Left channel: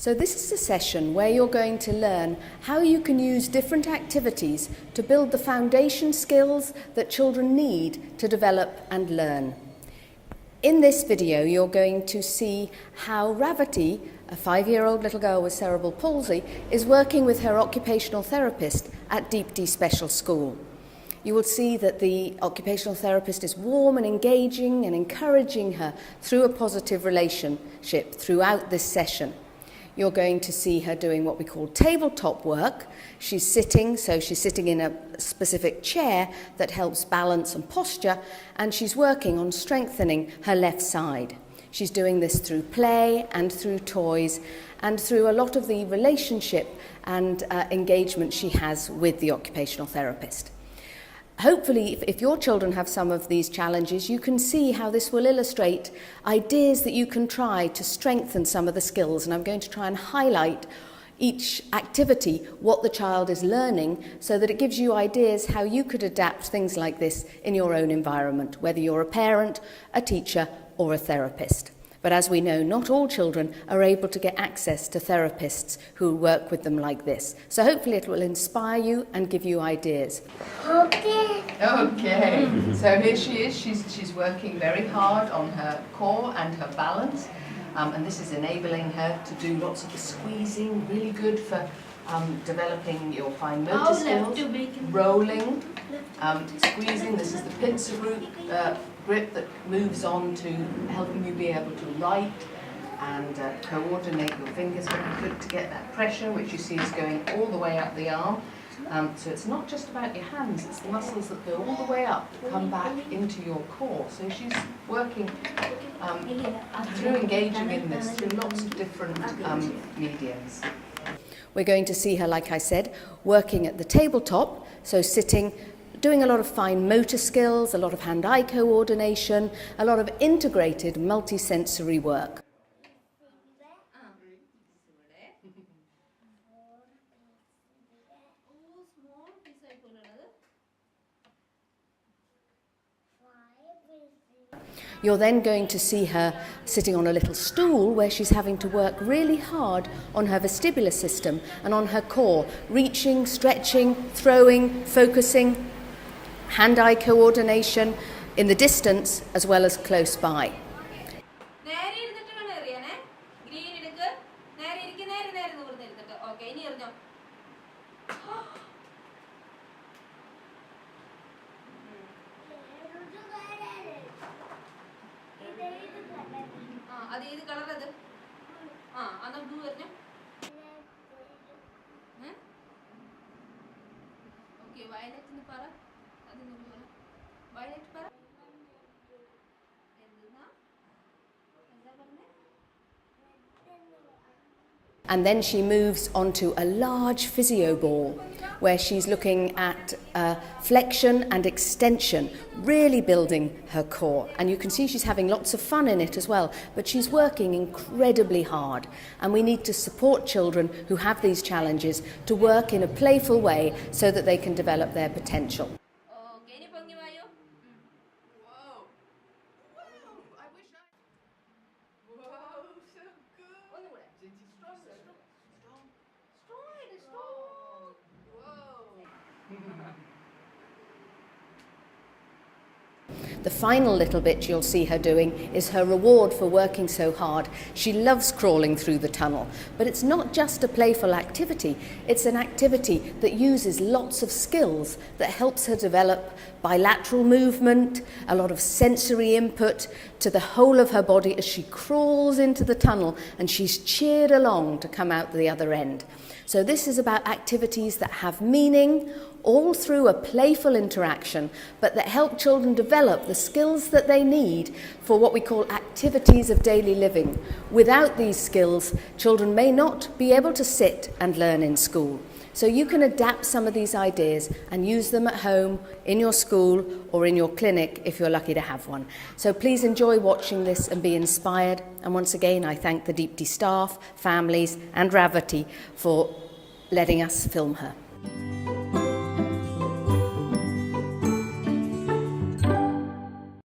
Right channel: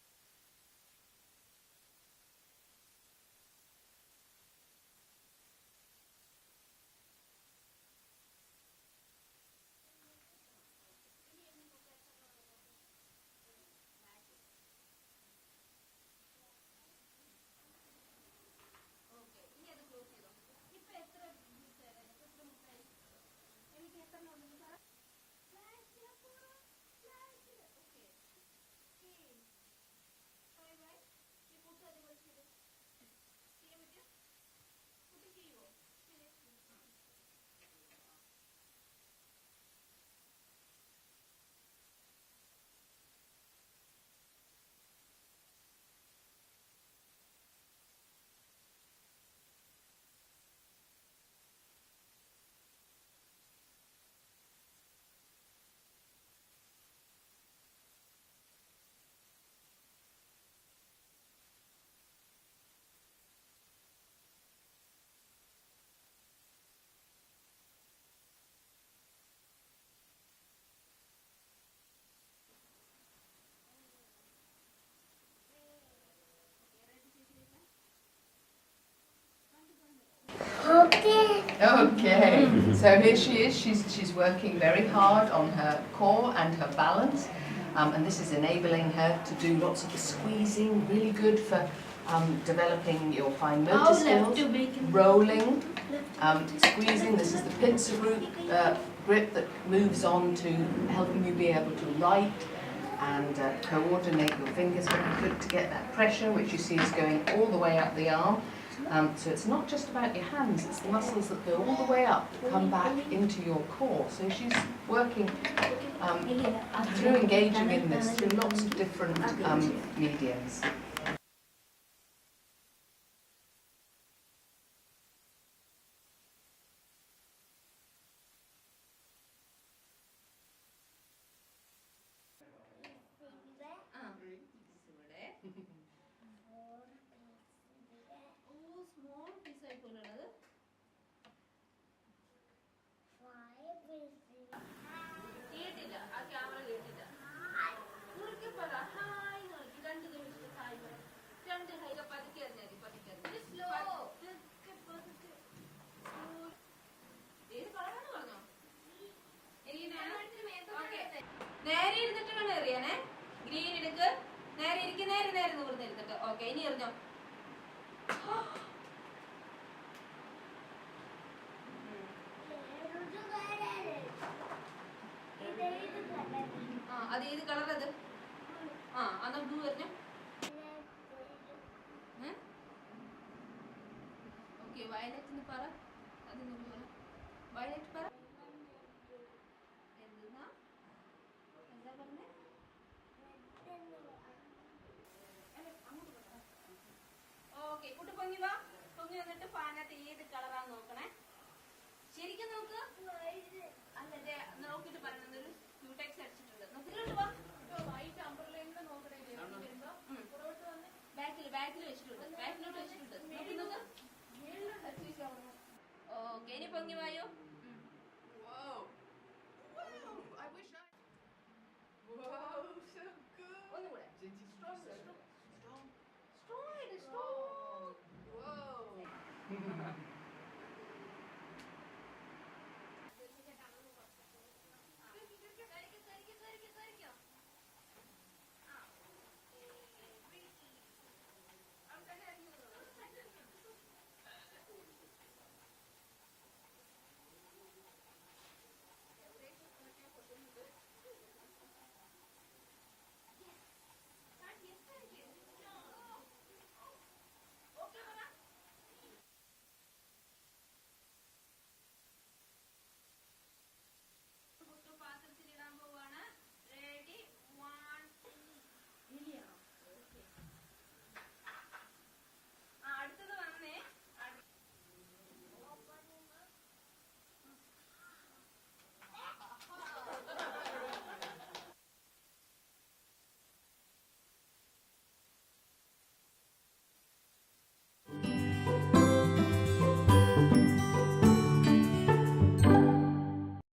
So this is a session where you're going to learn how you can use different activities to build the foundation skills that children need to develop and learn. In this video, you're going to see how Ravati, a 5-year-old little girl with cerebral palsy, is working with her occupational therapist at Deep D Special School. You will see that the occupational therapist is warm and engaging and encouraging her through a positive relationship throughout this session. You're going to see her doing what we call tabletop work. She's sitting in a specific chair that helps balance and posture, and she's working on strengthening her left side. She's doing this through play and through toys and through a lot of the relationship and engagement she has with the occupational therapist. Hopefully, if your children have some of these challenges, you can see how this will illustrate ideas that you can try to strengthen some of the skills. And I'm going to try and highlight each activity, what the child is learning, so that it gives you ideas how you could adapt things like this in your own environment, whether you're a parent, a teacher, or a therapist. But as we know, not all children are able to get access to therapists who work with them like this. So hopefully it will inspire you and give you ideas. Okay. So here she is. She's working very hard on her core and her balance. And this is enabling her to do lots of the squeezing, really good for developing your fine motor skills. Rolling, squeezing. This is the pincer grip that moves on to helping you be able to write and coordinate your fingers very good to get that pressure, which you see is going all the way up the arm. So it's not just about your hands, it's the muscles that go all the way up, come back into your core. So she's working through engaging in this through lots of different mediums. We're going to see her, like I said, working at the tabletop, so sitting, doing a lot of fine motor skills, a lot of hand-eye coordination, a lot of integrated multi-sensory work. You're then going to see her sitting on a little stool where she's having to work really hard on her vestibular system and on her core, reaching, stretching, throwing, focusing, hand-eye coordination in the distance as well as close by. And then she moves onto a large Physio Ball where she's looking at flexion and extension, really building her core. And you can see she's having lots of fun in it as well, but she's working incredibly hard. And we need to support children who have these challenges to work in a playful way so that they can develop their potential. The final little bit you'll see her doing is her reward for working so hard. She loves crawling through the tunnel, but it's not just a playful activity, it's an activity that uses lots of skills that helps her develop bilateral movement, a lot of sensory input to the whole of her body as she crawls into the tunnel, and she's cheered along to come out the other end. So this is about activities that have meaning, all through a playful interaction, but that help children develop the skills that they need for what we call activities of daily living. Without these skills, children may not be able to sit and learn in school. So you can adapt some of these ideas and use them at home, in your school, or in your clinic if you're lucky to have one. So please enjoy watching this and be inspired. And once again, I thank the Deep D staff, families, and Ravati for letting us film her.